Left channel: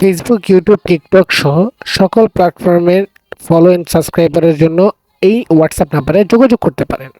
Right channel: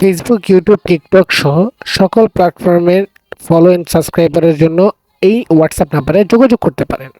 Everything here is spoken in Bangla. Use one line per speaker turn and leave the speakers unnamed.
ফেসবুক ইউটিউব টিকটক সহ সকল প্ল্যাটফর্মের ফলো অ্যান্ড সাবস্ক্রাইবারের জন্য এই হোয়াটসঅ্যাপ নাম্বারে যোগাযোগ করতে পারেন